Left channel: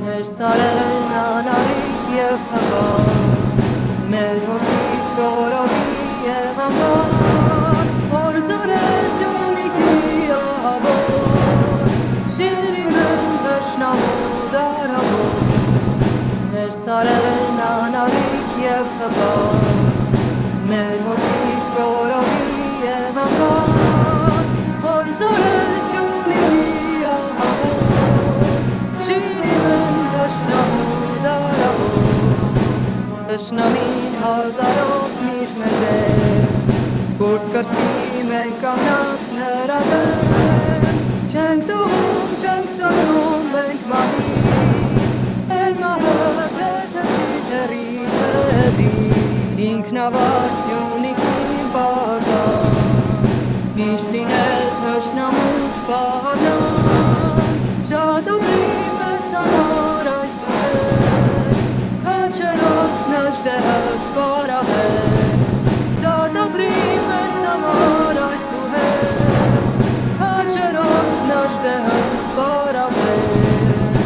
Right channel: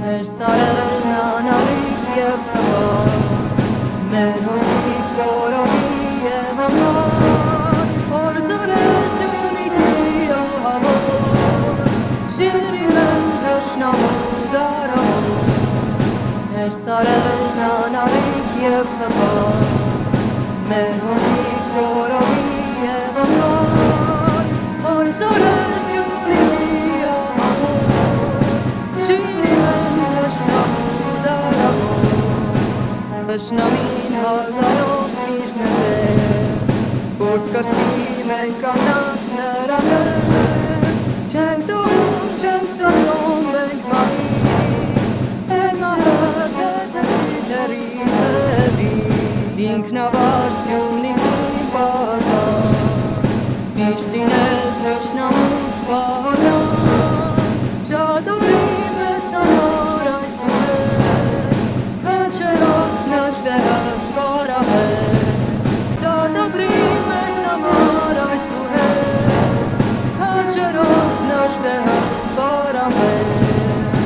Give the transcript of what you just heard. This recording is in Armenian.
Մեր սարերն անառիկ և հպար, մեր հորտիկ կորովի և ամար, Հորձորես յունիքի ահավոր, շիրիմ են թշնամու դարավոր, Մեր սարերն անառիկ և հպար, մեր հորտիկ կորովի և ամար, Հորձորես յունիքի ահավոր, շիրիմ են թշնամու դարավոր, Թշնամին հազարով միշտ մեր դեմ, Գործ կրծքի մենք կանգնած նրա դեմ, Չենք տողում, չենք սացում մենք մահից, Են մահը թեթևի թերի թևի, Ինքնավար Սյունիքին պարտան, Միշտ լինել թշնամու սպառնան, Շատ օգնի մեզ համար այսուհետ, Քաջերոս նժդեհը սպարավետ, Դատաբրի մեզ համար այսուհետ, Քաջերոս նժդեհը սպարավետ,